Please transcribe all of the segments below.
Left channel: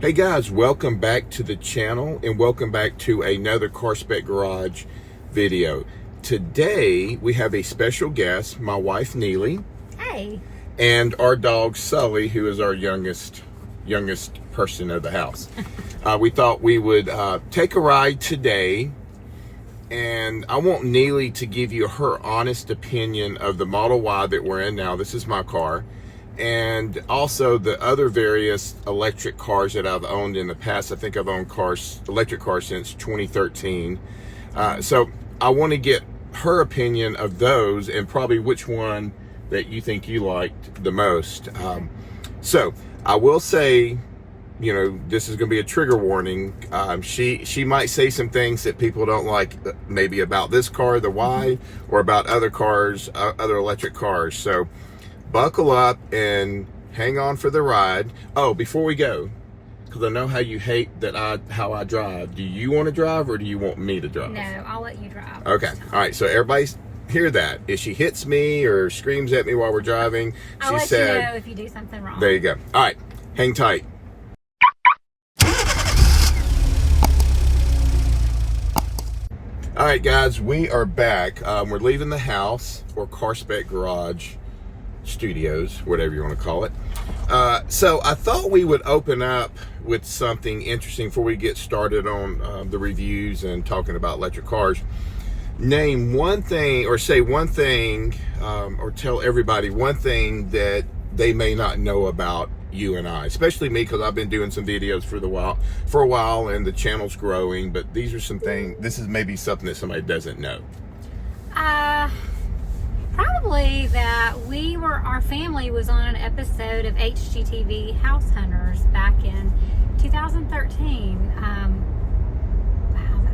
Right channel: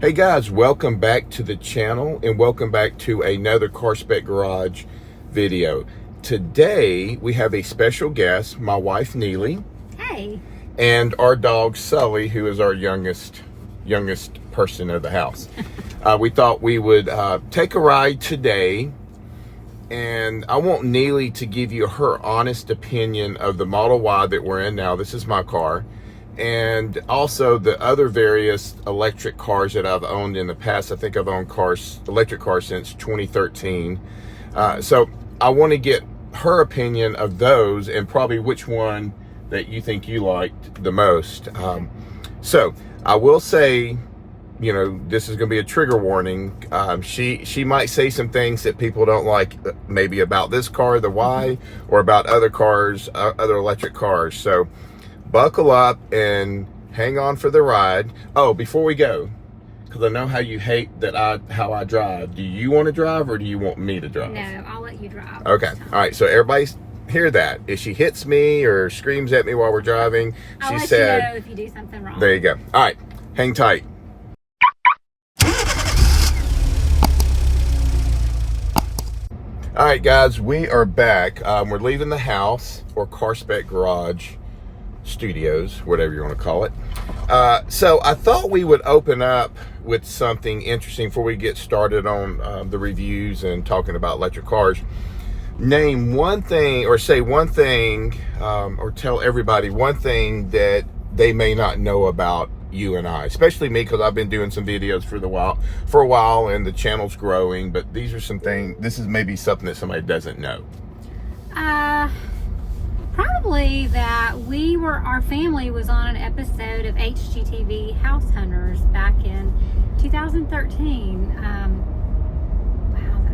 Hey guys, welcome back to the channel and welcome back to another Car Spec Garage video. Today we have a special guest, my wife Neely. Hey. And our dog Sully, who is our youngest person of the house. We thought we would take a ride today, and I want Neely to give you her honest opinion of the Model Y that we're in now. This is my car. And also the other various electric cars that I've owned in the past. I think I've owned electric cars since 2013. So I want to get her opinion of those and probably which one that you think you liked the most. So I will say, you know, this is going to be a trigger warning. She might say some things that people don't like, maybe about this car, the Y, or about other cars, other electric cars. So buckle up and hang on for the ride. Oh, before we go, because I know how you hate how I drive. Do you want to drive or do you want me to drive? No, I'll let you drive. Okay. All right. So everybody hear that. If she hits me or screams at me while we're driving, I'll let you know if you do something wrong. There you go. All right. Hang tight. All right, guys, we are back. We're leaving the house, or Car Spec Garage Studios, whatever you want to call it. So I thought we would open up with something interesting before we get started on the reviews and talking about electric cars. Name one thing, or say one thing, or tell everybody one thing that they may not know about you and I, especially me, because I've been doing some videos for a while and the channel's growing, but these are some things, this is maybe something that somebody doesn't know. Probably that our family was on an episode of HGTV House Hunters back in 2013. Wow, it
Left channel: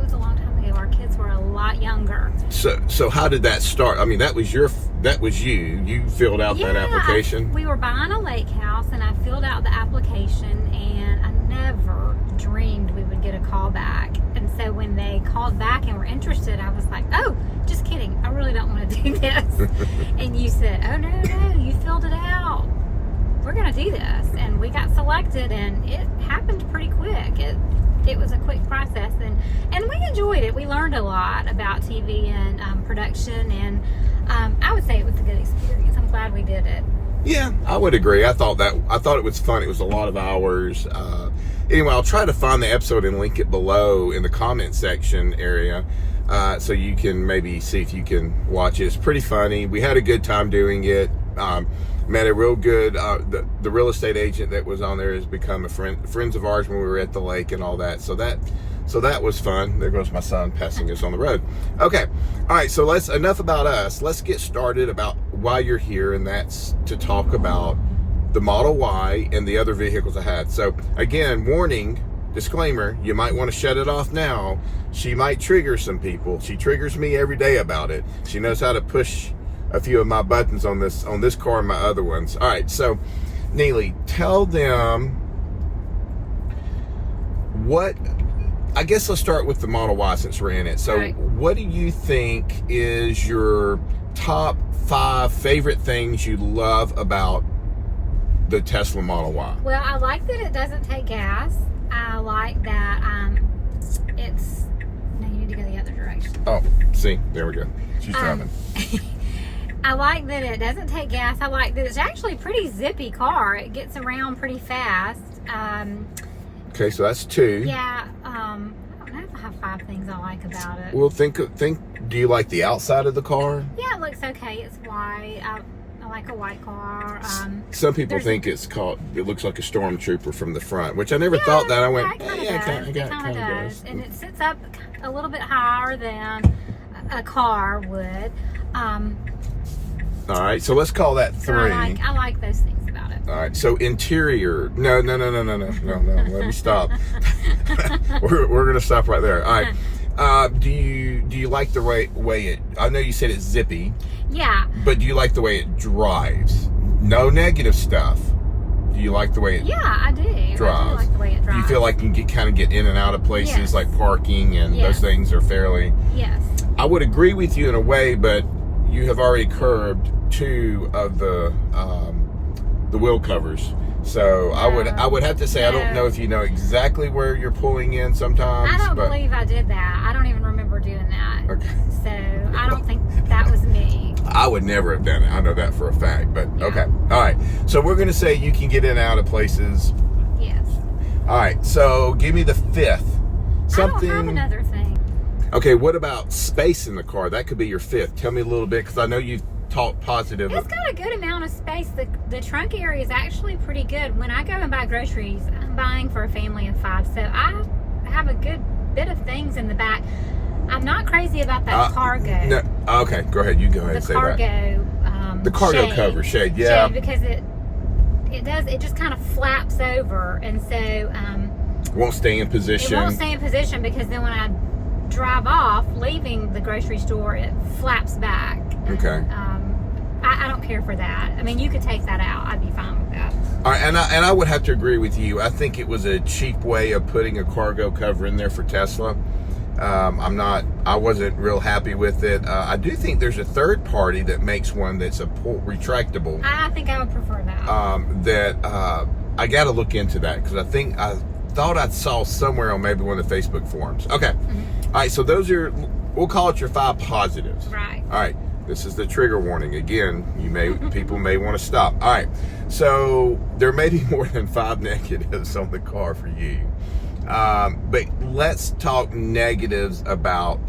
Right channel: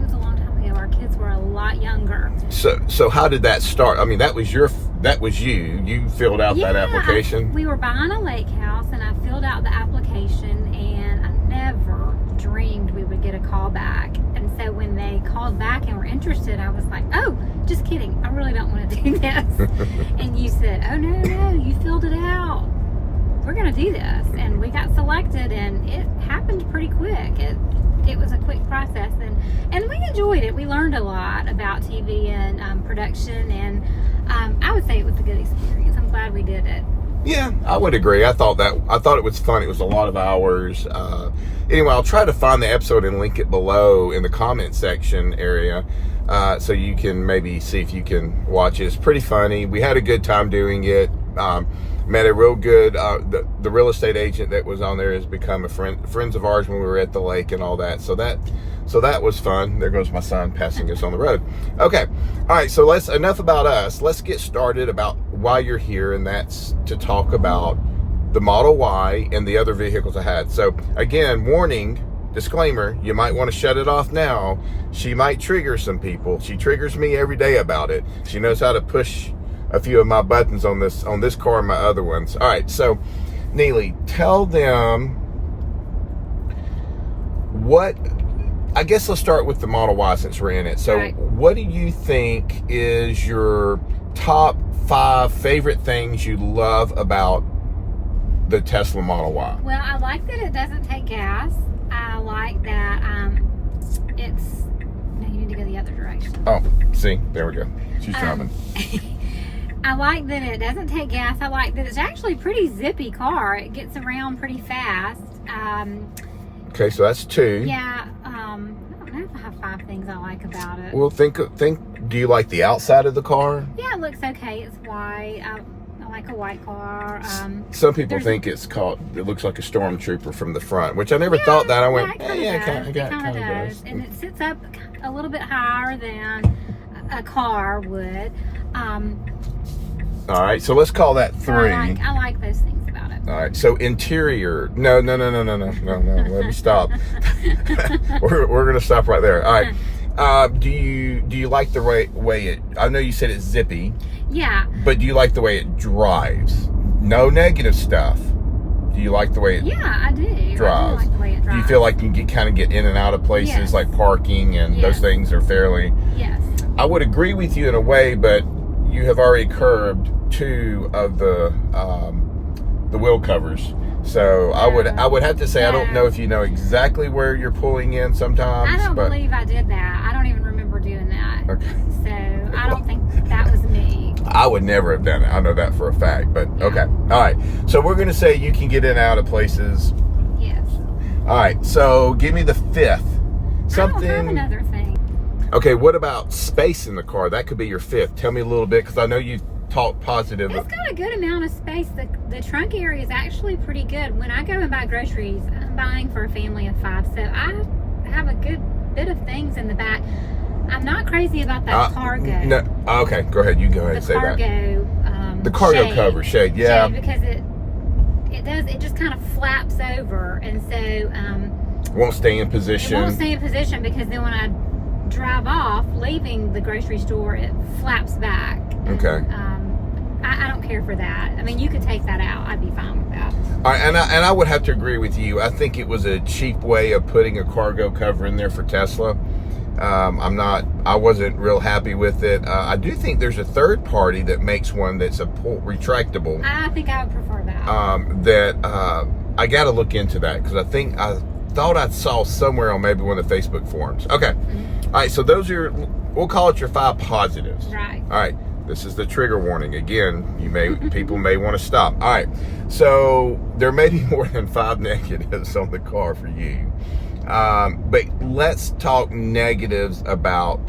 was a long time ago. Our kids were a lot younger. So how did that start? I mean, that was you filled out that application? We were buying a lake house and I filled out the application, and I never dreamed we would get a call back. And so when they called back and were interested, I was like, oh, just kidding, I really don't want to do this. And you said, oh no, you filled it out, we're gonna do this. And we got selected, and it happened pretty quick. It was a quick process, and we enjoyed it. We learned a lot about TV and production, and I would say it was a good experience. I'm glad we did it. Yeah, I would agree. I thought it was fun. It was a lot of hours. Anyway, I'll try to find the episode and link it below in the comment section area, so you can maybe see if you can watch it. It's pretty funny. We had a good time doing it. Met a real good, the real estate agent that was on there has become friends of ours when we were at the lake and all that. So that was fun. There goes my son passing us on the road. Okay. All right. So enough about us. Let's get started about why you're here. And that's to talk about the Model Y and the other vehicles I had. So again, warning, disclaimer, you might want to shut it off now. She might trigger some people. She triggers me every day about it. She knows how to push a few of my buttons on this car and my other ones. All right, so Neely, tell them I guess let's start with the Model Y since we're in it. So right. What do you think is your top 5 favorite things you love about the Tesla Model Y? Well, I like that it doesn't take gas. I like that it's... No, you need to go the other direction. Oh, see, there we go. She's jumping. I like that it doesn't take gas. I like that it's actually a pretty zippy car. It gets around pretty fast. Okay, so that's 2. Yeah. I don't know if I have 5 things I like about it. Well, think. Do you like the outside of the car? Yeah, it looks okay. It's white. I like a white car. Some people think it looks like a stormtrooper from the front, which I never thought that. I went, it kind of does. And it sits up a little bit higher than a car would. All right, so let's call that 3. So I like those things about it. All right, so interior. No. Let me stop. we're gonna stop right there. All right. Do you like the way it? I know you said it's zippy. Yeah. But do you like the way it drives? No negative stuff. Do you like the way it? Yeah, I do. Drives? I do like the way it drives. Do you feel like you can kind of get in and out of places, yes, like parking and those things are fairly? Yes. I would agree with you in a way, but you have already curbed 2 of the wheel covers. So I would have to say I don't know if you know exactly where you're pulling in sometimes. I don't believe I did that. I don't even remember doing that. Okay. So I don't think that was me. I would never have done it. I know that for a fact. But okay. All right. So we're gonna say you can get in and out of places. Yes. All right. So give me the fifth. Something. I don't have another thing. Okay. What about space in the car? That could be your fifth. Tell me a little bit, because I know you talk positive. It's got a good amount of space. The trunk area is actually pretty good. When I go and buy groceries, I'm buying for a family of 5, so I have a good bit of things in the back. I'm not crazy about that cargo. No, okay, go ahead. You go ahead and say that. The cargo shade, cover shade, yeah. Shade, because it just kind of flaps over, and so won't stay in position. It won't stay in position, because then when I drive off, leaving the grocery store, it flaps back. And, okay. I don't care for that. I mean, you could take that out. I'd be fine with that. And I would have to agree with you. I think it was a cheap way of putting a cargo cover in there for Tesla. I wasn't real happy with it. I do think there's a third party that makes one that's a retractable. I think I would prefer that. I got to look into that, because I thought I saw somewhere on maybe one of the Facebook forums. Okay. All right. So those are, we'll call it your 5 positives. Right. All right. This is the trigger warning. Again, people may want to stop. All right. So there may be more than 5 negatives on the car for you. But let's talk negatives about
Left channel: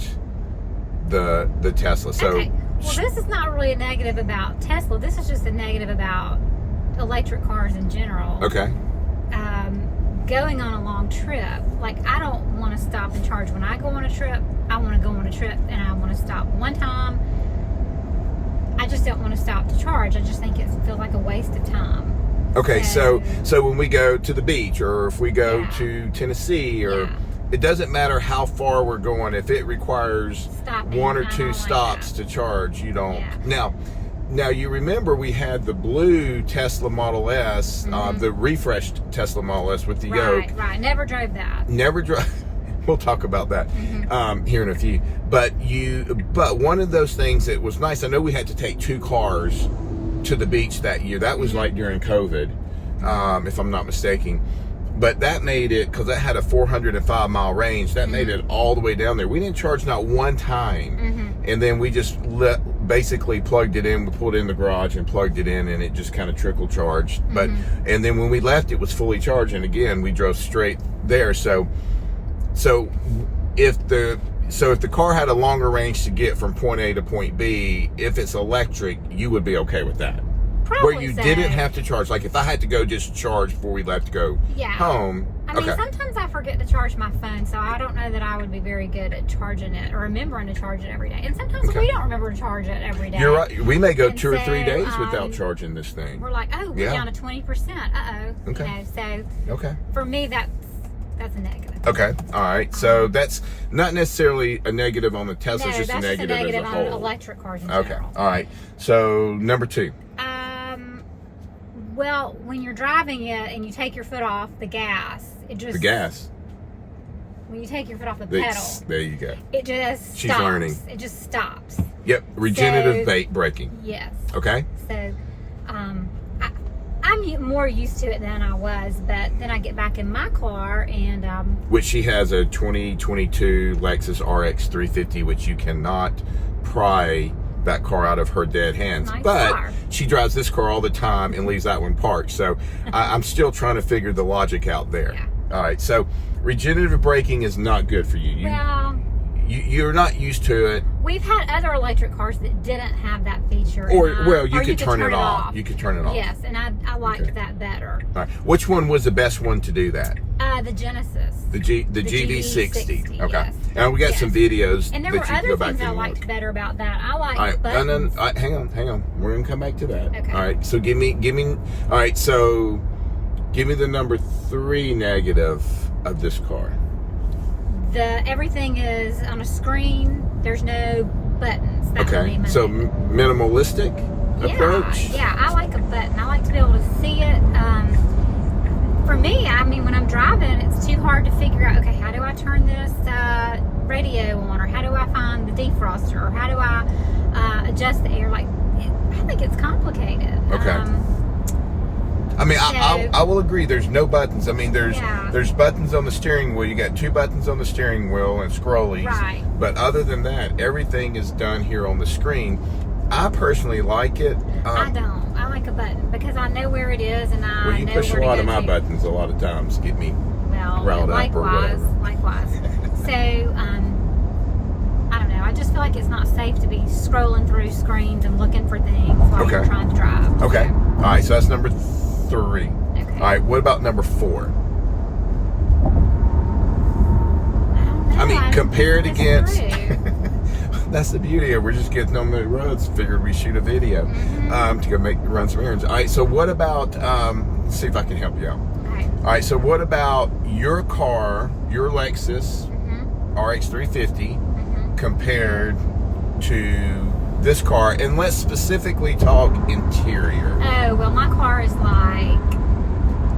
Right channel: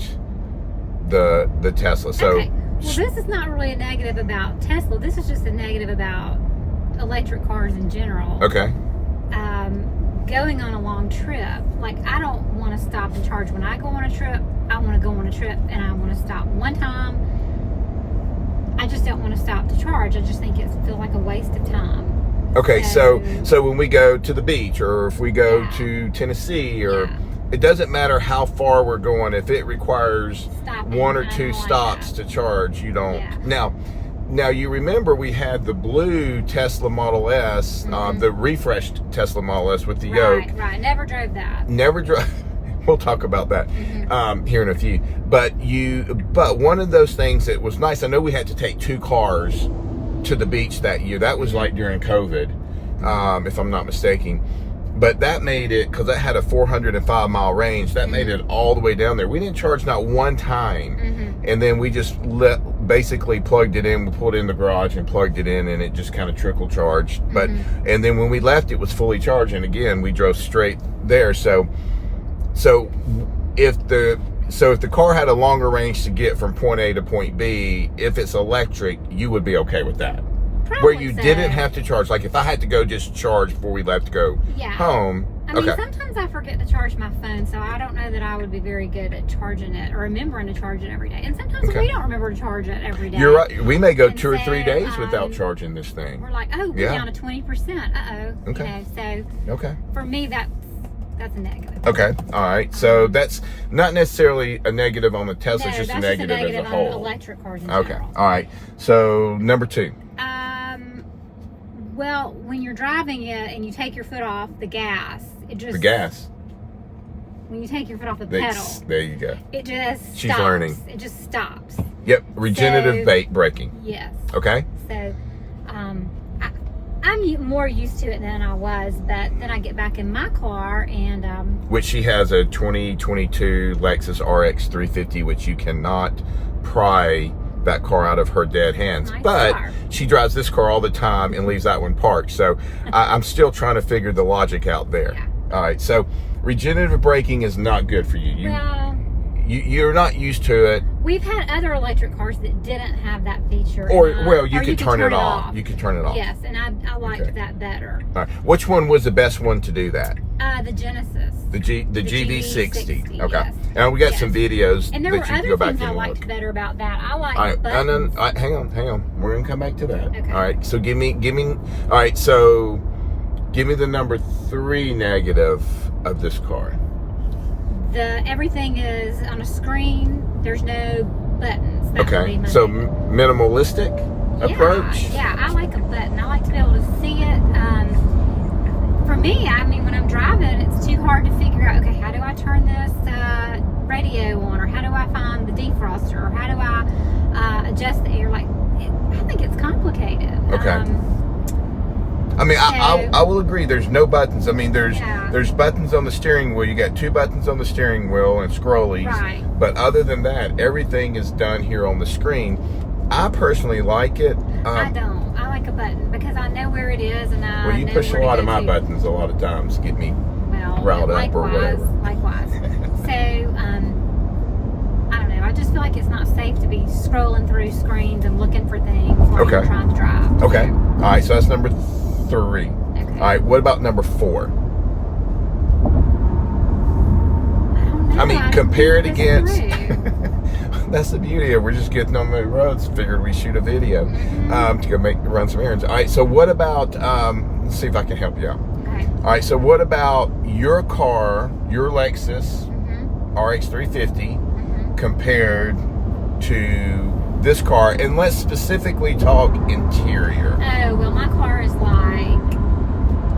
the Tesla. So, okay. Well, this is not really a negative about Tesla. This is just a negative about electric cars in general. Okay. Going on a long trip, like, I don't want to stop and charge when I go on a trip. I want to go on a trip and I want to stop one time. I just don't want to stop to charge. I just think it feels like a waste of time. Okay, so when we go to the beach, or if we go to Tennessee, or it doesn't matter how far we're going, if it requires one or two stops to charge, you don't. Now you remember we had the blue Tesla Model S, the refreshed Tesla Model S with the yoke. Right. Never drove that. Never drove. We'll talk about that here in a few. But one of those things that was nice, I know we had to take 2 cars to the beach that year. That was like during COVID, if I'm not mistaken. But that made it, because that had a 405-mile range, that made it all the way down there. We didn't charge not one time. And then we just basically plugged it in. We pulled it in the garage and plugged it in, and it just kind of trickle charged. But and then when we left, it was fully charged. And again, we drove straight there. So if the car had a longer range to get from point A to point B, if it's electric, you would be okay with that. Probably where you didn't have to charge. Like if I had to go just charge before we left to go home. I mean, sometimes I forget to charge my phone, so I don't know that I would be very good at charging it or remembering to charge it every day. And sometimes we don't remember to charge it every day. You're right. We may go 2 or 3 days without charging this thing. We're like, oh, we're down to 20%. Uh-oh. Okay. So for me, that's a negative. Okay. All right. So that's not necessarily a negative on the Tesla, just a negative as a whole. On electric cars in general. All right. So number 2. Well, when you're driving it and you take your foot off the gas, the gas. When you take your foot off the pedal, there you go. It just stops. She's learning. It just stops. Yep. Regenerative braking. Yes. Okay. So, I'm more used to it than I was, but then I get back in my car and which she has a 2022 Lexus RX 350, which you cannot pry that car out of her dead hands. Nice but car. She drives this car all the time and leaves that one parked. So I'm still trying to figure the logic out there. Yeah. All right. So regenerative braking is not good for you. You're not used to it. We've had other electric cars that didn't have that feature. You could turn it off. You could turn it off. Yes, and I liked that better. All right. Which one was the best one to do that? The Genesis. The GV60. Okay. Yes. And we got some videos. And there were other things I liked better about that. I liked buttons. Hang on. We're gonna come back to that. Okay. All right. So give me. All right. So give me the number 3 negative of this car. Everything is on a screen. There's no buttons. That would be my so negative. Minimalistic approach. Yeah, I like a button. I like to be able to see it. For me, I mean, when I'm driving, it's too hard to figure out. Okay, how do I turn this radio on, or how do I find the defroster, or how do I adjust the air? Like, I think it's complicated. Okay. I mean, So- I will agree. There's no buttons. I mean, Yeah. there's buttons on the steering wheel. You got 2 buttons on the steering wheel and scrollies. Right. But other than that, everything is done here on the screen. I personally like it. I don't. I like a button because I know where it is and I Well, you know push a where to lot go of my to. buttons a lot of times to get me Well, riled up or likewise. So, I don't know. I just feel like it's not safe to be scrolling through screens and looking for things while you're Okay. trying to drive. Okay. All right. So that's number 3. Okay. All right. What about number 4? I don't know. I mean, have compare to it think against. this through. That's the beauty of it. We're just getting on the roads. Figured we shoot a video to go run some errands. All right. So what about? Let's see if I can help you out. Okay. All right. So what about your car, your Lexus Mm-hmm. RX 350, Mm-hmm. compared to this car? And let's specifically talk interior. Oh, well, my car is like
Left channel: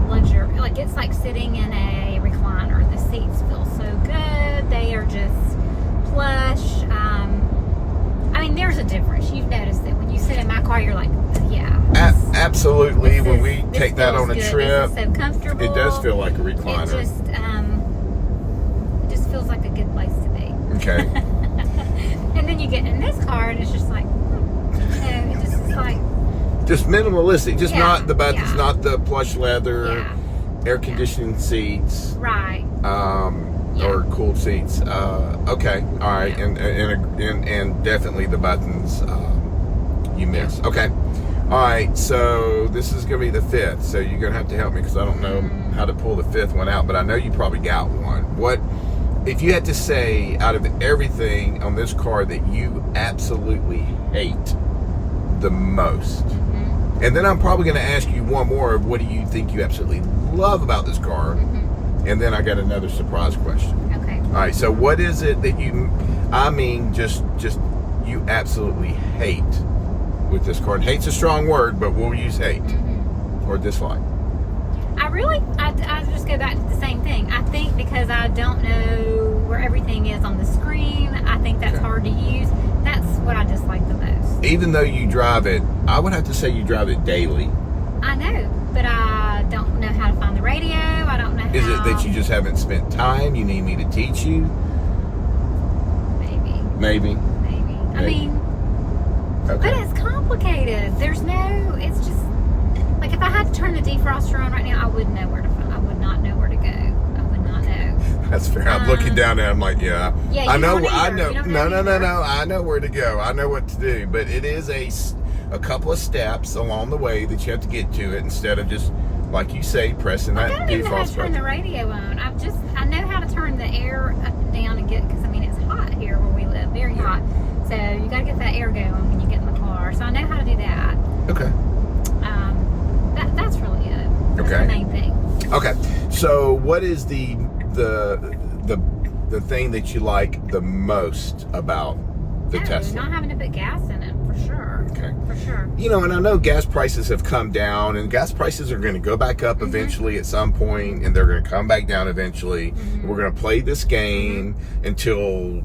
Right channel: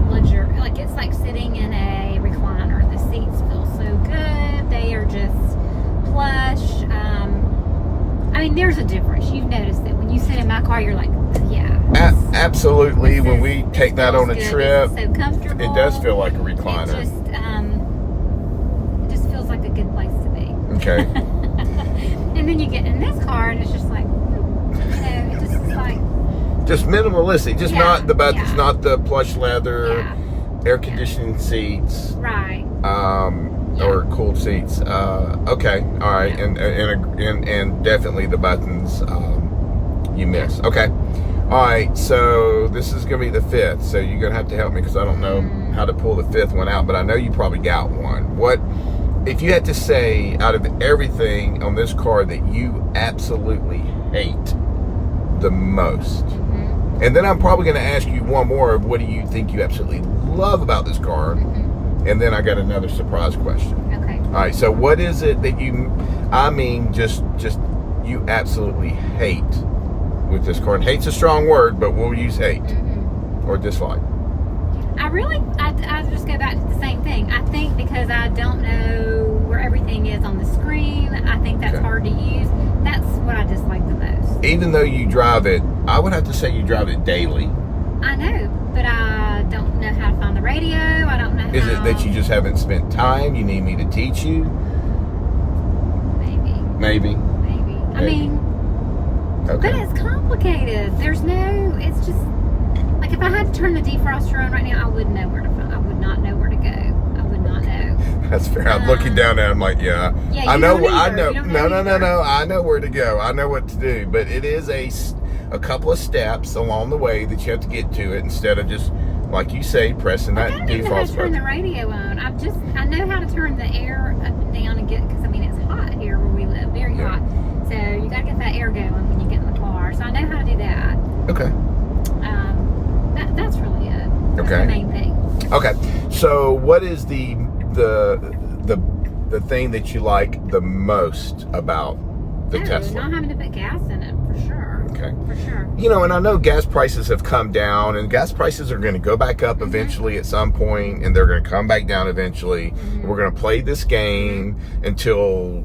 luxury. Like, it's like sitting in a recliner. The seats feel so good. They are just plush. I mean, there's a difference. You've noticed it. When you sit in my car, you're like, yeah. Absolutely. this When is- we this take that feels on a good. trip, This is so comfortable. it does feel like a It recliner. just feels like a good place to be. Okay. And then you get in this car, and it's just like, it just is like, Just minimalistic. Just Yeah, not the buttons, yeah. not the plush leather, yeah, air conditioning seats. right. Or cooled seats. Okay, all right, and definitely the buttons you miss. Okay, all right. So this is gonna be the 5th. So you're gonna have to help me because I don't know how to pull the 5th one out, but I know you probably got one. What if you had to say out of everything on this car that you absolutely hate the most? Mm-hmm. And then I'm probably gonna ask you one more of what do you think you absolutely love about this car? Mm-hmm. And then I got another surprise question. Okay. All right, so what is it that just you absolutely hate with this car? And hate's a strong word, but we'll use hate Mm-hmm. or dislike. I just go back to the same thing. I think because I don't know where everything is on the screen, I think that's Okay. hard to use. That's what I dislike the most. Even though you drive it, I would have to say you drive it daily. I know, but I don't know how to find the radio. I don't know how. Is it that you just haven't spent time? You need me to teach you? Maybe. Maybe. I mean, but Okay. it's complicated. There's no. It's just like if I had to turn the defroster on right now, I wouldn't know where to find. I would not know where to go. I would not know. That's fair. I'm looking down there. I'm like, yeah. Yeah, I you know. don't I either. know. You don't No, know no, no, either. no. I know where to go. I know what to do. But it is a couple of steps along the way that you have to get to it instead of just, like you say, pressing I that don't even know how default to turn button. the radio on. I know how to turn the air up and down and get, because I mean it's hot here where we live, very Yeah. hot. So you got to get that air going when you get in the car. So I know how to do that. Okay. That's really it. That's Okay. the main thing. Okay. So, what is the thing that you like the most about the Tesla? Not having to put gas in it for sure. Okay. For sure. You know, and I know gas prices have come down, and gas prices are going to go back up eventually at some point, and they're going to come back down eventually. We're going to play this game until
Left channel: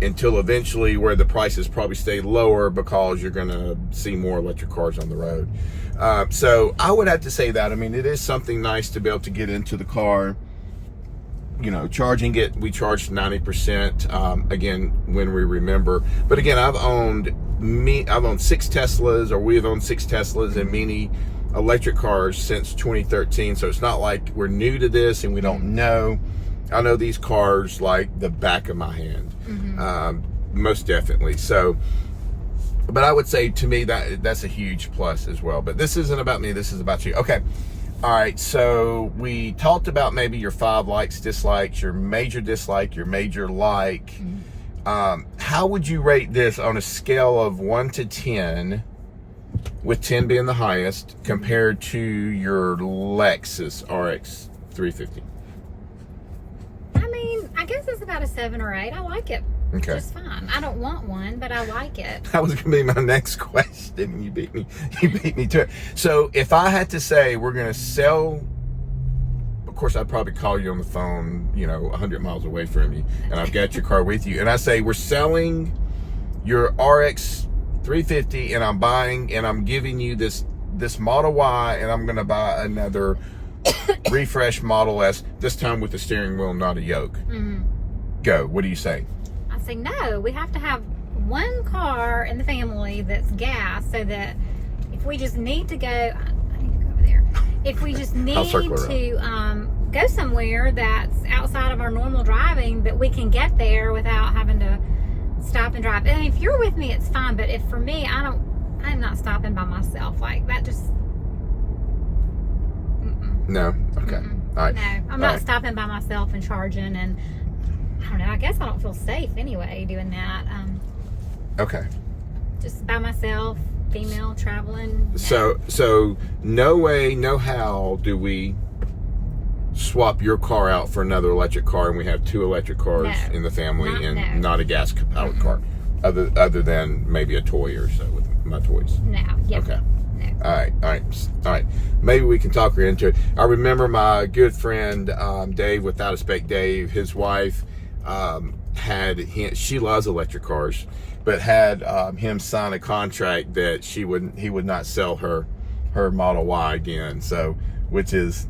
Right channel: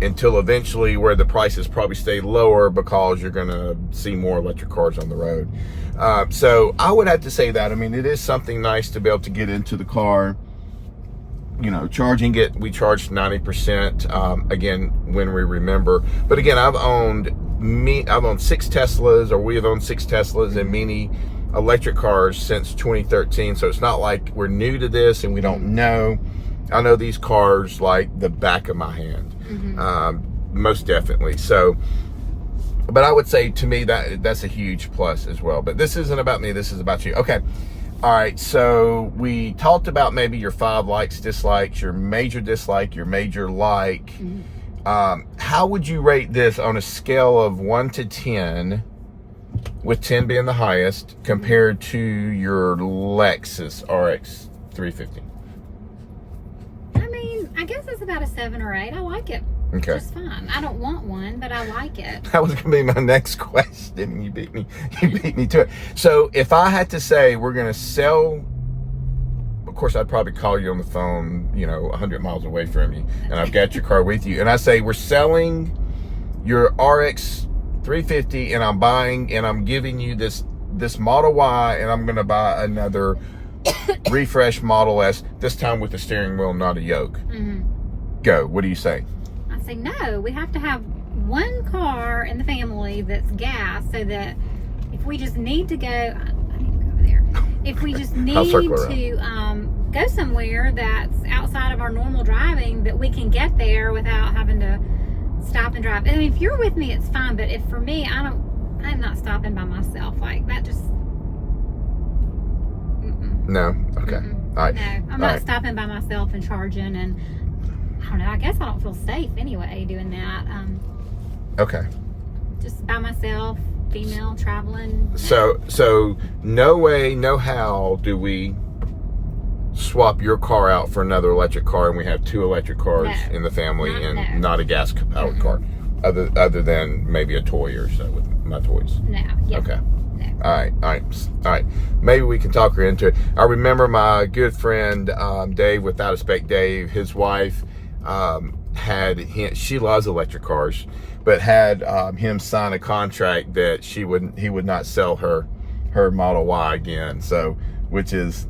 eventually where the prices probably stay lower because you're going to see more electric cars on the road. So I would have to say that. I mean, it is something nice to be able to get into the car. You know, charging it, we charged 90%, again, when we remember. But again, I've owned 6 Teslas, or we have owned 6 Teslas and many electric cars since 2013. So it's not like we're new to this and we don't know. I know these cars like the back of my hand, most definitely. So, but I would say to me that's a huge plus as well. But this isn't about me, this is about you. Okay. All right, so we talked about maybe your 5 likes, dislikes, your major dislike, your major like. How would you rate this on a scale of 1 to 10, with 10 being the highest, compared to your Lexus RX 350? I mean, I guess it's about a 7 or 8. I like it. Okay. Just fine. I don't want one, but I like it. That was going to be my next question. You beat me to it. So if I had to say we're going to sell, of course I'd probably call you on the phone, 100 miles away from you, and I've got your car with you, and I say we're selling your RX 350, and I'm giving you this this Model Y, and I'm going to buy another refresh Model S, this time with the steering wheel, not a yoke. Go. What do you say? I say no. We have to have one car in the family that's gas, so that if we just need to go, I need to go over there. If we just need to go somewhere that's outside of our normal driving, that we can get there without having to stop and drive. And if you're with me, it's fine. But if for me, I'm not stopping by myself. Like that just. No. Okay. All right. No, I'm not stopping by myself and charging, and I don't know. I guess I don't feel safe anyway doing that. Okay. Just by myself, female traveling. No. So no way, no how do we swap your car out for another electric car, and we have 2 electric cars in the family, not a gas powered car, other than maybe a toy or so with my toys. No. Yeah. Okay. No. All right. Maybe we can talk her into it. I remember my good friend Dave, Without a Spec Dave, his wife she loves electric cars, but had him sign a contract that he would not sell her Model Y again. So, which is,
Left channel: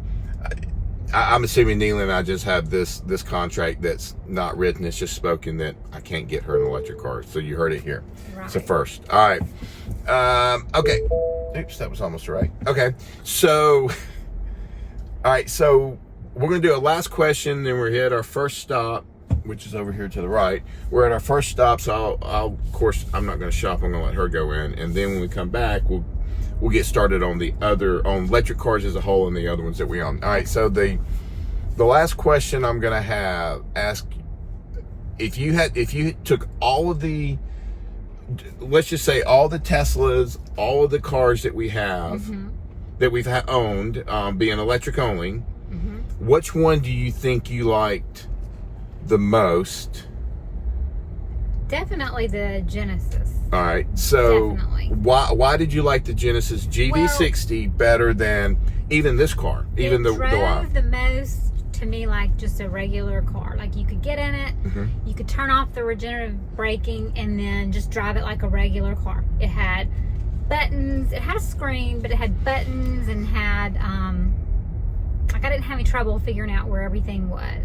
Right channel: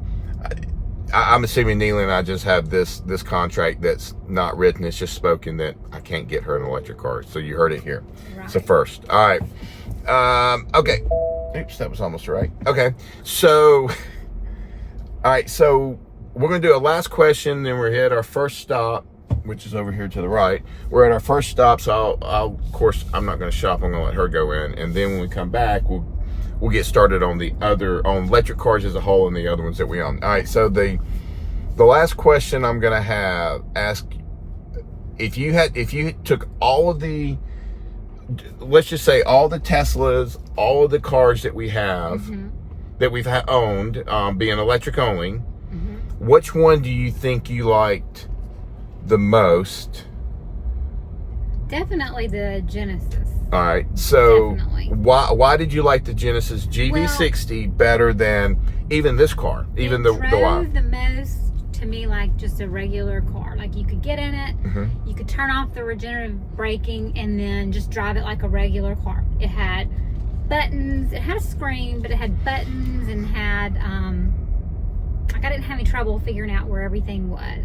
I'm assuming Neely and I just have this contract that's not written, it's just spoken, that I can't get her an electric car. So you heard it here. Right. So first. All right. Okay. Oops, that was almost right. Okay. So, all right. So we're going to do a last question, then we're at our first stop, which is over here to the right. We're at our first stop, so I'll of course, I'm not going to shop. I'm going to let her go in. And then when we come back, we'll get started on on electric cars as a whole and the other ones that we own. All right, so the last question I'm going to ask, if you took all of the, let's just say all the Teslas, all of the cars that we have, that we've owned, being electric only, which one do you think you liked the most? Definitely the Genesis. All right, so Definitely. why did you like the Genesis GV60 better than even this car, even the Y? It drove the most to me like just a regular car. Like you could get in it, you could turn off the regenerative braking, and then just drive it like a regular car. It had buttons. It had a screen, but it had buttons and had like I didn't have any trouble figuring out where everything was.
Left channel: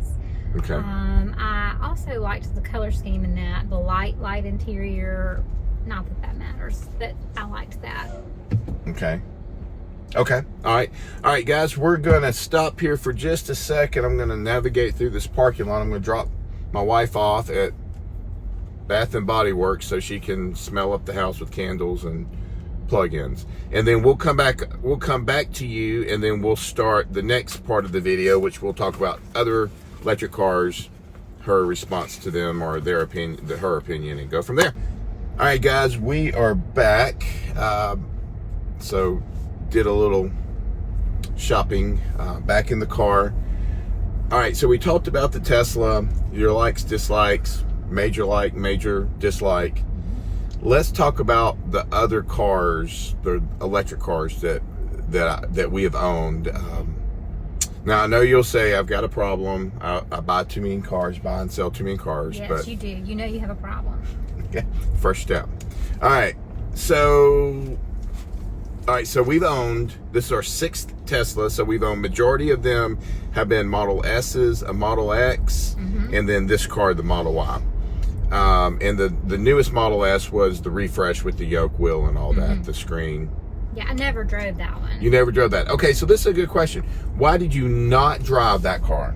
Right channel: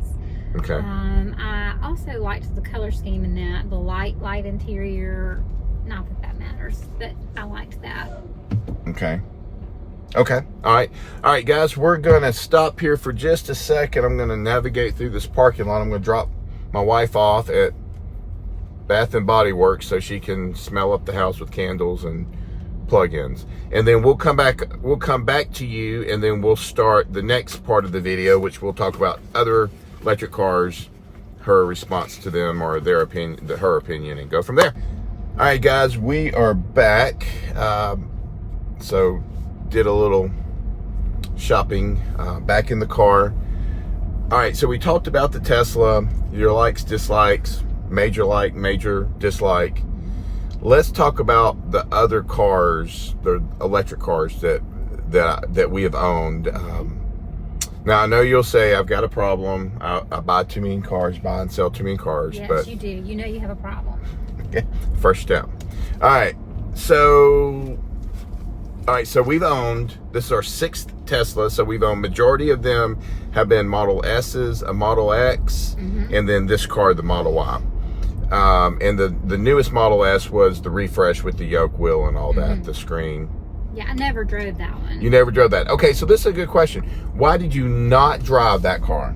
Okay. I also liked the color scheme in that, the light interior. Not that matters, but I liked that. Okay. All right, guys, we're going to stop here for just a second. I'm going to navigate through this parking lot. I'm going to drop my wife off at Bath and Body Works so she can smell up the house with candles and plug-ins. And then we'll come back to you, and then we'll start the next part of the video, which we'll talk about other electric cars, her response to them, or her opinion, and go from there. All right, guys, we are back. So did a little shopping, back in the car. All right, so we talked about the Tesla, your likes, dislikes, major like, major dislike. Let's talk about the other cars, the electric cars that we have owned. Now, I know you'll say I've got a problem. I buy too many cars, buy and sell too many cars. Yes, but you do. You know you have a problem. Yeah, first step. All right, so we've owned, this is our 6th Tesla, so we've owned, majority of them have been Model S's, a Model X, and then this car, the Model Y. And the newest Model S was the refresh with the yoke wheel and all that, the screen. Yeah, I never drove that one. You never drove that. Okay, so this is a good question. Why did you not drive that car?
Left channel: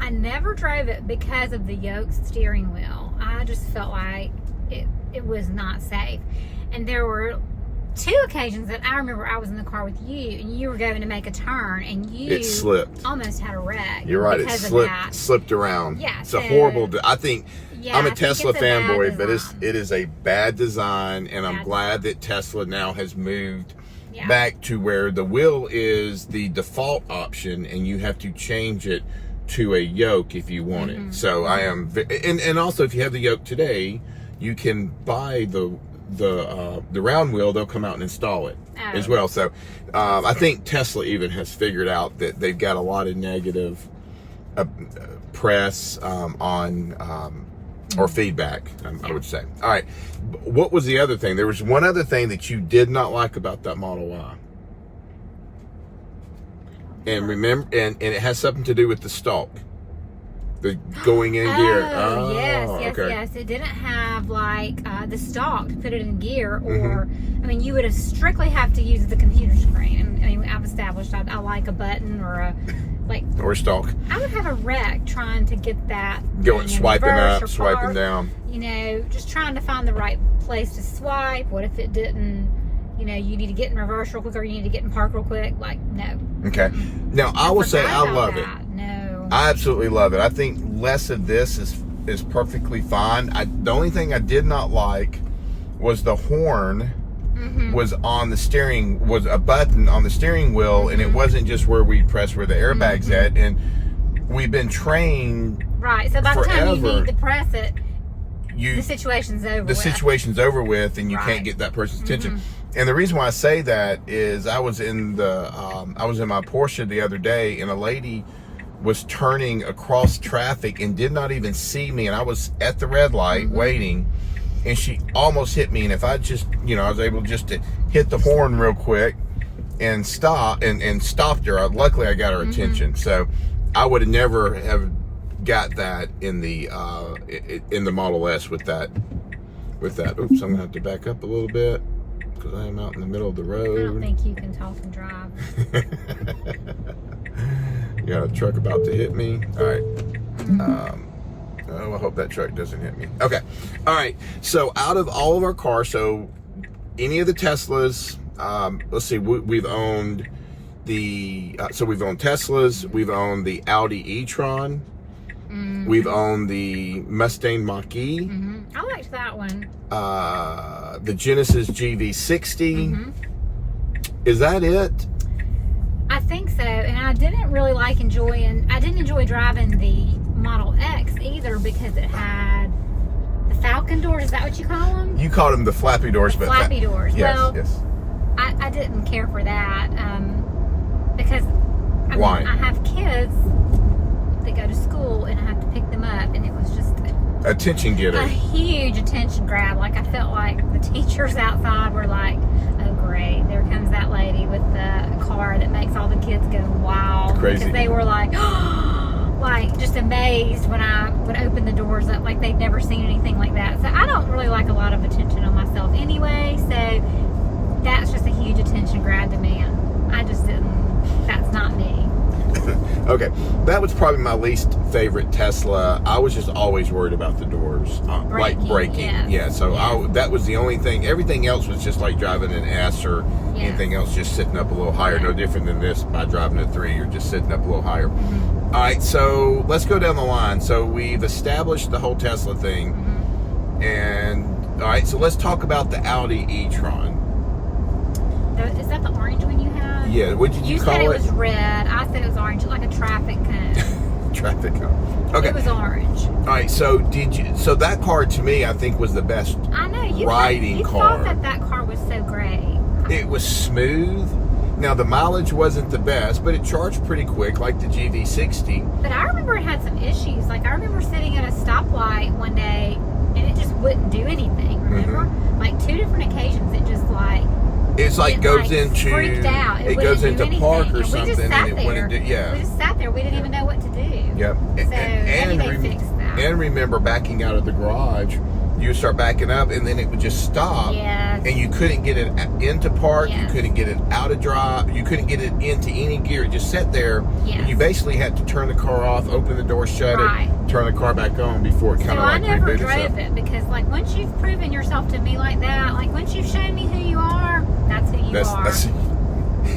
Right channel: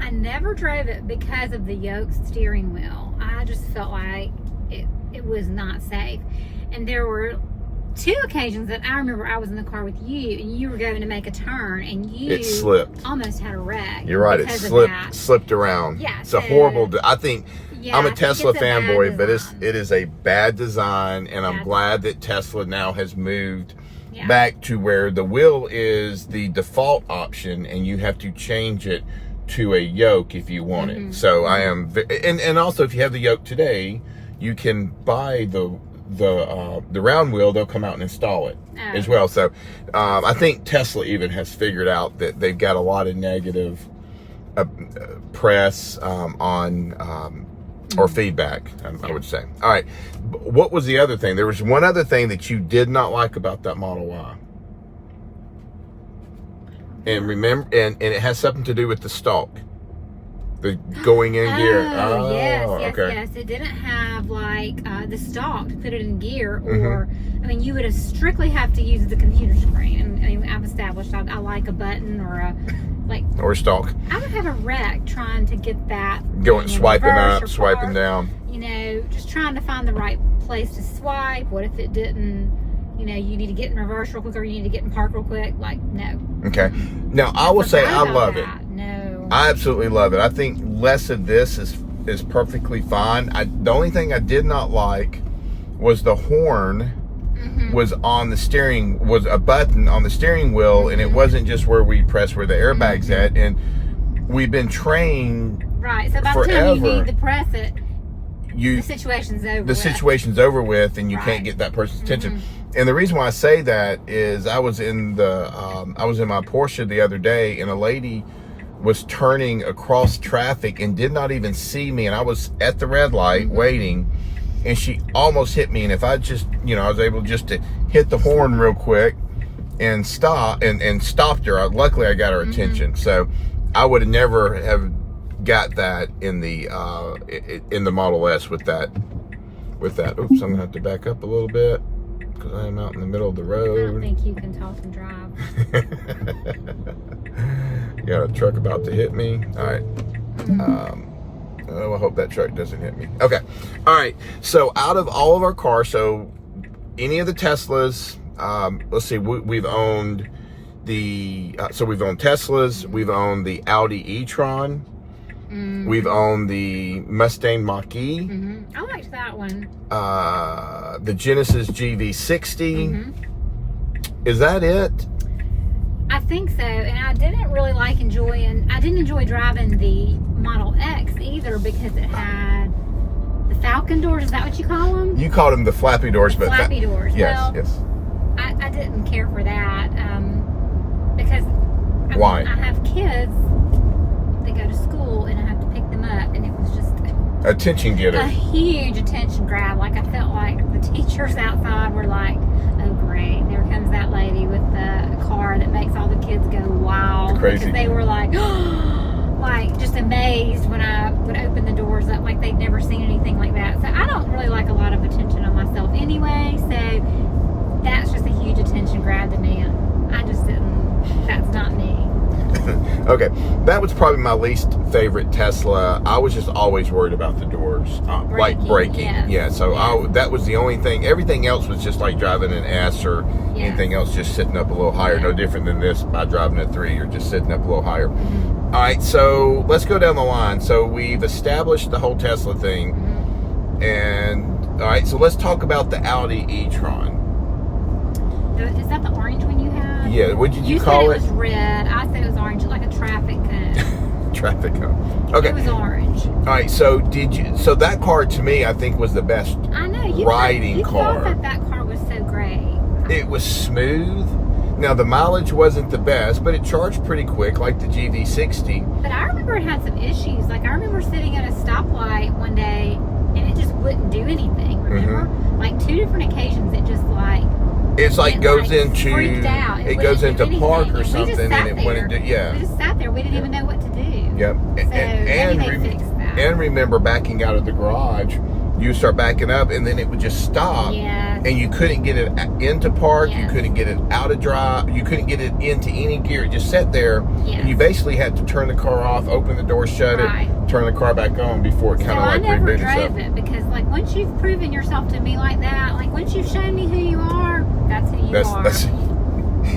I never drove it because of the yoke steering wheel. I just felt like it was not safe. And there were 2 occasions that I remember I was in the car with you, and you were going to make a turn, and it slipped. Almost had a wreck. You're right. It slipped around. Yeah, it's a horrible. I think. Yeah, I'm a Tesla fanboy, but it is a bad design, and I'm glad that Tesla now has moved back to where the wheel is the default option, and you have to change it to a yoke if you want it. So I am, and also if you have the yoke today, you can buy the round wheel. They'll come out and install it as well. So I think Tesla even has figured out that they've got a lot of negative press on or feedback, I would say. All right, what was the other thing? There was one other thing that you did not like about that Model Y. And remember, and it has something to do with the stalk. The going in gear. Oh, yes, okay. yes. It didn't have like the stalk to put it in gear, or I mean, you would have strictly have to use the computer screen. And I mean, I've established I like a button or a or stalk. I would have a wreck trying to get that Going swiping up, swiping park, down. You know, just trying to find the right place to swipe. What if it didn't? You know, you need to get in reverse real quick, or you need to get in park real quick. Like, no. Okay. Now I will say I love it. No. I absolutely love it. I think less of this is perfectly fine. The only thing I did not like was the horn was on the steering, was a button on the steering wheel, and it wasn't just where we press where the airbag's at. And we've been trained right. So by the time you need to press it, the situation's over. The situation's over with, and you can't get that person's attention. And the reason why I say that is I was in my Porsche the other day, and a lady was turning across traffic and did not even see me, and I was at the red light waiting, and she almost hit me. And if I just, I was able just to hit the horn real quick and stop and stopped her. Luckily, I got her attention. So I would have never have got that in the Model S with that. Oops, I'm gonna have to back up a little bit because I am out in the middle of the road. I don't think you can talk and drive. You got a truck about to hit me. All right. I hope that truck doesn't hit me. Okay. All right. So out of all of our cars, so any of the Teslas, let's see, we've owned we've owned Teslas, we've owned the Audi e-tron, we've owned the Mustang Mach-E. I liked that one. The Genesis GV60. Is that it? I think so, and I didn't enjoy driving the Model X either because it had the Falcon doors. Is that what you call them? You called them the flappy doors, but flappy doors. Yes, well, yes. I didn't care for that because why? I have kids that go to school and I have to pick them up, and it was just attention getter. A huge attention grab. Like I felt like the teachers outside were like, "Oh great, there comes that lady with the car that makes all the kids go wild." Crazy. Because they were like, like just amazed when I would open the doors up, like they'd never seen anything like that. So I don't really like a lot of attention on myself anyway. So that's just a huge attention grab to me. I just didn't. That's not me. Okay, that was probably my least favorite Tesla. I was just always worried about the doors, like braking. Yes. Yeah, so that was the only thing. Everything else was just like driving an S or anything else, just sitting up a little higher. No different than this by driving a 3. You're just sitting up a little higher. All right, so let's go down the line. So we've established the whole Tesla thing, and all right, so let's talk about the Audi e-tron. Is that the orange one you had? Yeah, what did you call it? You said it was red. I said it was orange, like a traffic cone. Traffic cone. Okay. It was orange. All right, so so that car to me, I think, was the best riding car. You thought that car was so great. It was smooth. Now, the mileage wasn't the best, but it charged pretty quick, like the GV60. But I remember it had some issues. Like, I remember sitting at a stoplight one day, and it just wouldn't do anything, remember? Like, 2 different occasions, it just, like... It's like freaked out. It goes into park or something, and it wouldn't do. We just sat there. We didn't even know what to do. Yep. So maybe they fixed that. And remember backing out of the garage, you start backing up, and then it would just stop. Yes. And you couldn't get it into park. Yes. You couldn't get it out of drive. You couldn't get it into any gear. It just sat there. Yes. And you basically had to turn the car off, open the door, shut it, turn the car back on before it kind of like rebooted itself. So I never drove it because, like, once you've proven yourself to me like that, like once you've shown me who you are, that's who you are.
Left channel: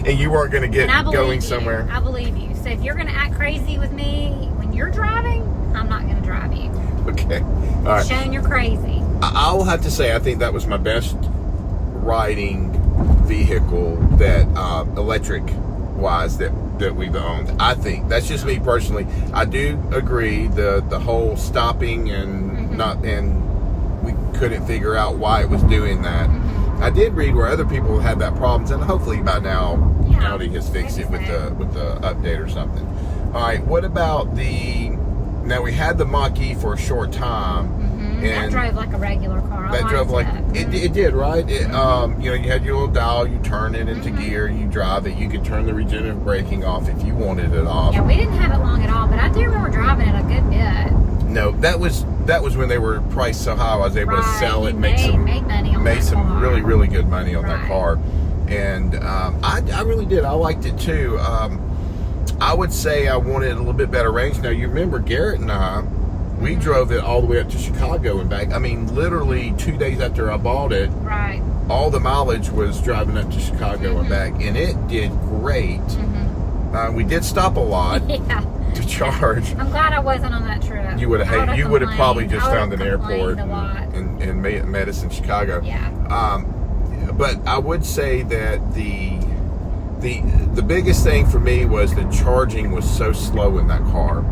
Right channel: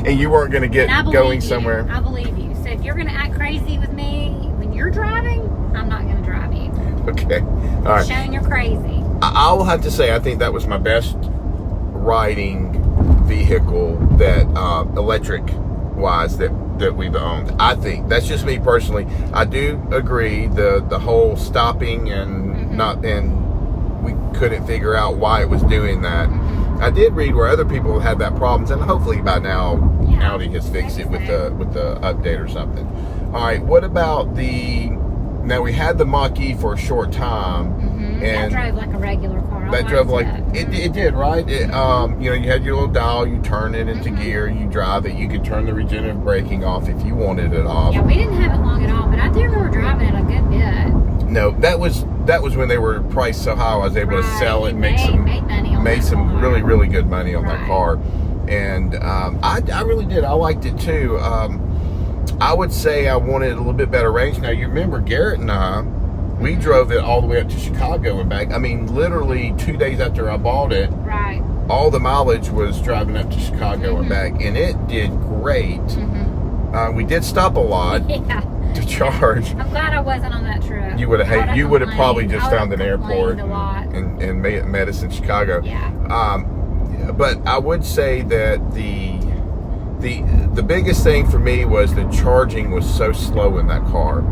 And you weren't going to get going somewhere. I believe you. So if you're going to act crazy with me when you're driving, I'm not going to drive you. Okay. All right. Showing you're crazy. I will have to say, I think that was my best riding vehicle that electric wise that we've owned. I think that's just me personally. I do agree the whole stopping and we couldn't figure out why it was doing that. I did read where other people had that problems, and hopefully by now Audi has fixed it with the update or something. All right, what about now we had the Mach-E for a short time. That drove like a regular car. That drove like it did, right? It, you know, you had your little dial, you turn it into gear, you drive it. You could turn the regenerative braking off if you wanted it off. Yeah, we didn't have it long at all, but I do remember driving it a good bit. No, that was when they were priced so high. I was able to sell it, made money on made that some car. really good money on that car, and I really did. I liked it too. I would say I wanted a little bit better range. Now you remember Garrett and I, we drove it all the way up to Chicago and back. I mean, literally 2 days after I bought it, all the mileage was driving up to Chicago and back, and it did great. We did stop a lot to charge. I'm glad I wasn't on that trip. You would have probably just found an airport a lot. and met us in Chicago. Yeah. But I would say that the biggest thing for me was the charging was so slow in that car.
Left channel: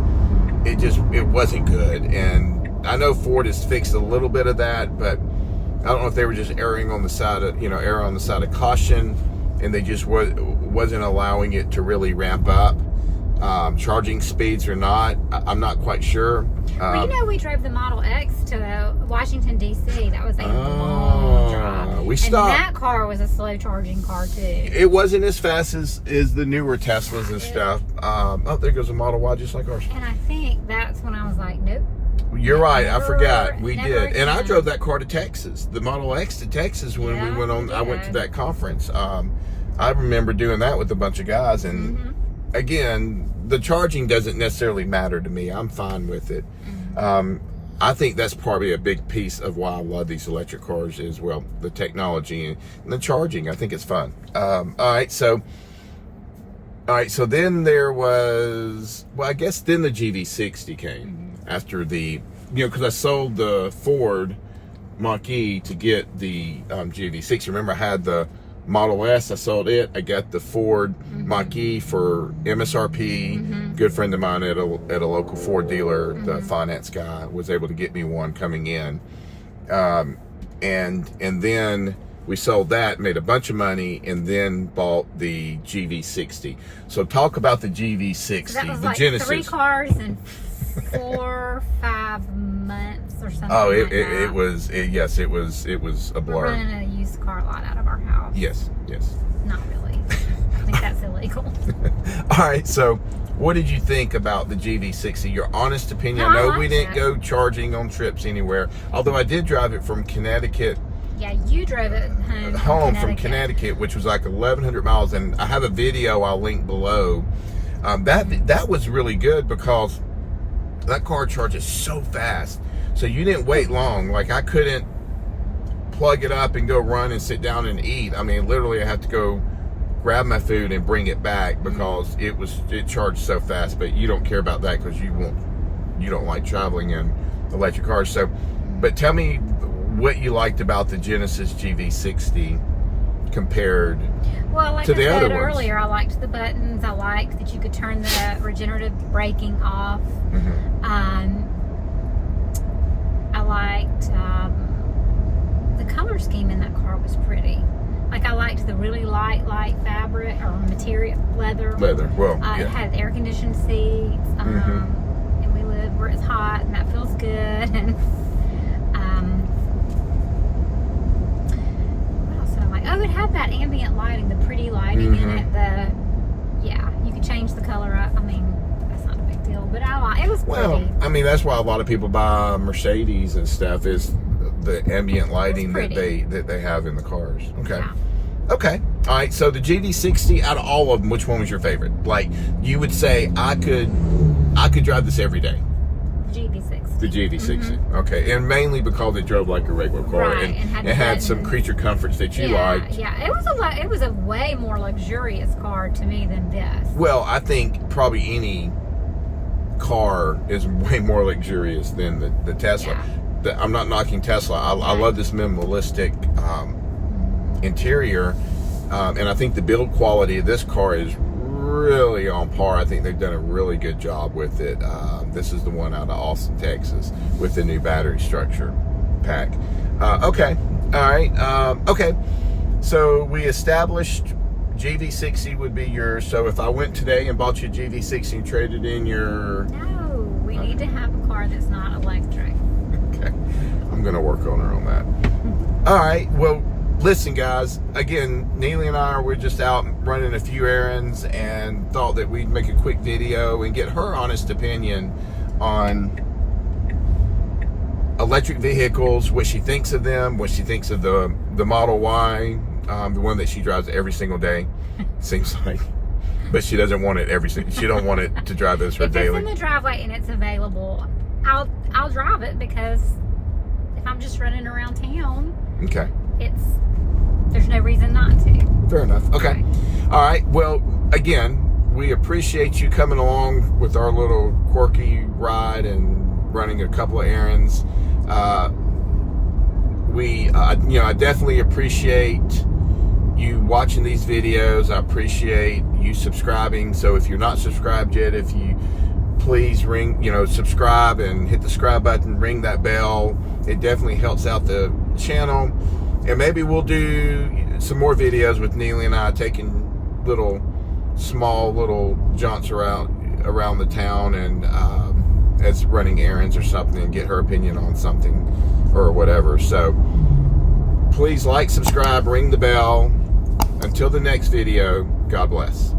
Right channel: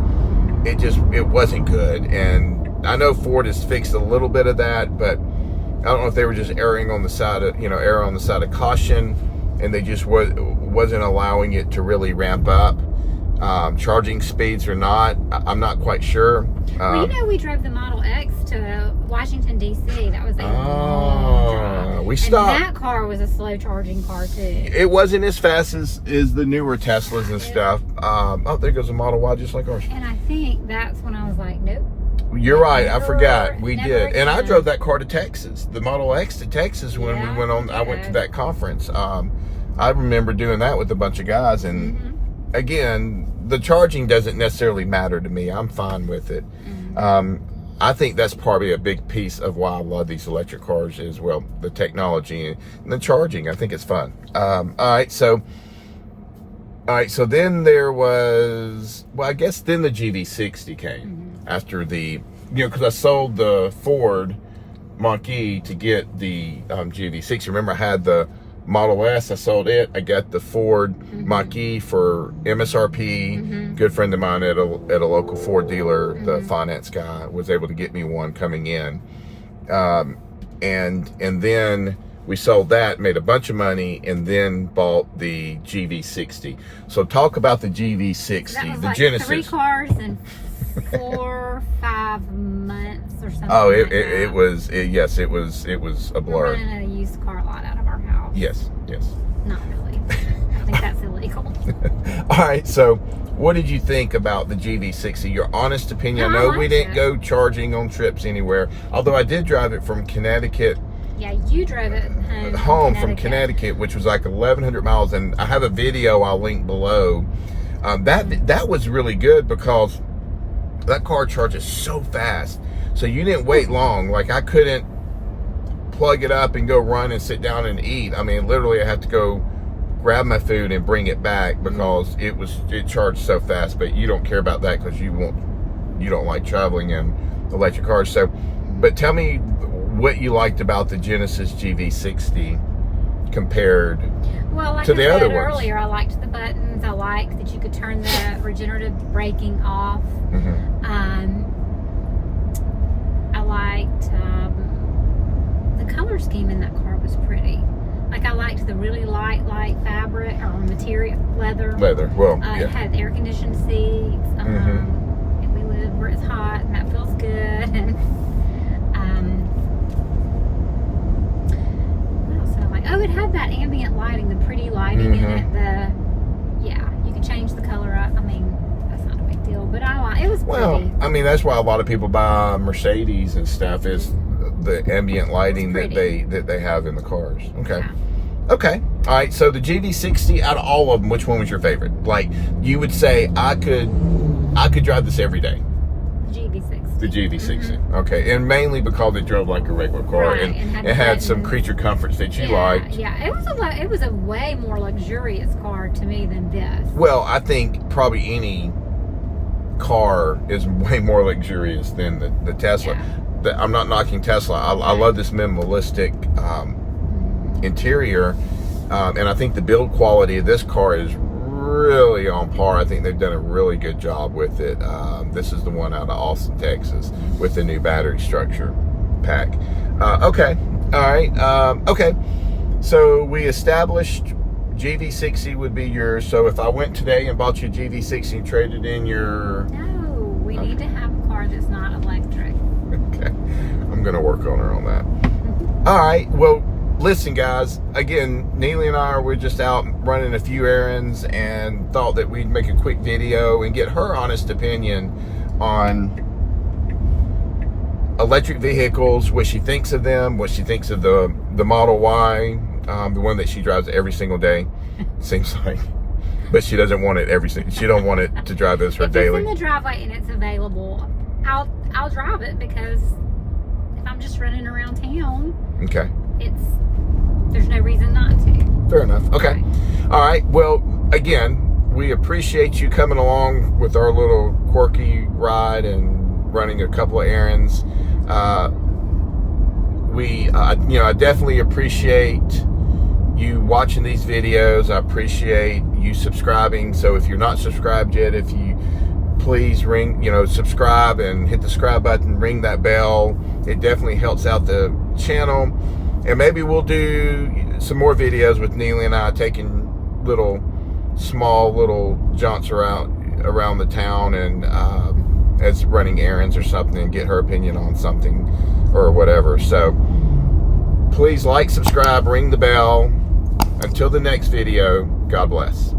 It wasn't good, and I know Ford has fixed a little bit of that, but I don't know if they were just erring on the side of caution, and they just wasn't allowing it to really ramp up. Charging speeds or not, I'm not quite sure. Well, you know, we drove the Model X to Washington, D.C. That was a long drive. We stopped. And that car was a slow charging car, too. It wasn't as fast as the newer Teslas and stuff. Oh, there goes a Model Y just like ours. And I think that's when I was like, nope. You're right. I forgot. We never did. again. And I drove that car to Texas, the Model X to Texas when we went on. I went to that conference. I remember doing that with a bunch of guys. And again, the charging doesn't necessarily matter to me. I'm fine with it. I think that's probably a big piece of why I love these electric cars is, well, the technology and the charging. I think it's fun. All right, so so then there was, well, I guess then the GV60 came after the, because I sold the Ford Mach-E to get the GV60. Remember, I had the Model S, I sold it. I got the Ford Mach-E for MSRP. Good friend of mine at a local Ford dealer, the finance guy, was able to get me one coming in. And then we sold that, made a bunch of money, and then bought the GV60. So talk about the GV60, that was the like Genesis. 3 cars in 4-5 months or something. Oh, it was a blur. We're running a used car lot out of our house. Yes. Not really. I think that's illegal. All right, so what did you think about the GV60? Your honest opinion. No, I know I we didn't liked go charging on trips anywhere, although I did drive it from Connecticut. Yeah, you drove it home from Connecticut, which was like 1,100 miles, and I have a video I'll link below. That was really good because that car charges so fast, so you didn't wait long. Like, I couldn't plug it up and go run and sit down and eat. I mean, literally, I had to go grab my food and bring it back because it charged so fast. But you don't care about that because you don't like traveling in electric cars. So, but tell me what you liked about the Genesis GV60 compared like to I the said other ones. earlier, I liked the buttons. I liked that you could turn the regenerative braking off. I liked the color scheme in that car was pretty. Like, I liked the really light fabric or material, leather. Well, It had air conditioned seats. And we live where it's hot, and that feels good. What else did I like? Oh, it had that ambient lighting, the pretty lighting in it. You could change the color up. I mean, that's not a big deal, but it was pretty. Well, I mean, that's why a lot of people buy Mercedes and stuff, is the ambient lighting that they have in the cars. Okay. Yeah. Okay. All right. So the GV60, out of all of them, which one was your favorite? Like, you would say I could drive this every day. GV60. The GV60. Okay. And mainly because it drove like a regular car, Right, and it had some creature comforts that you liked. Yeah, it was a way more luxurious car to me than this. Well, I think probably any car is way more luxurious than the Tesla. Yeah. I'm not knocking Tesla. I love this minimalistic interior, and I think the build quality of this car is really on par. I think they've done a really good job with it. This is the one out of Austin, Texas, with the new battery structure pack. Okay, all right. Okay, so we established GV60 would be yours. So if I went today and bought you a GV60 and traded in your... No, we need to have a car that's not electric. Okay. I'm going to work on her on that. All right. Well, listen, guys. Again, Neely and I were just out running a few errands and thought that we'd make a quick video and get her honest opinion on electric vehicles, what she thinks of them, what she thinks of the Model Y, the one that she drives every single day, seems like. But she doesn't want it she don't want it to drive this for daily. If it's in the driveway and it's available, I'll drive it, because if I'm just running around town, okay, there's no reason not to. Fair enough. Okay. All right. Well, again, we appreciate you coming along with our little quirky ride and running a couple of errands. I definitely appreciate you watching these videos. I appreciate you subscribing. So if you're not subscribed yet, if you please subscribe and hit the subscribe button, ring that bell. It definitely helps out the channel. And maybe we'll do some more videos with Neely and I taking small little jaunts around the town and as running errands or something, get her opinion on something or whatever. So please like, subscribe, ring the bell. Until the next video, God bless.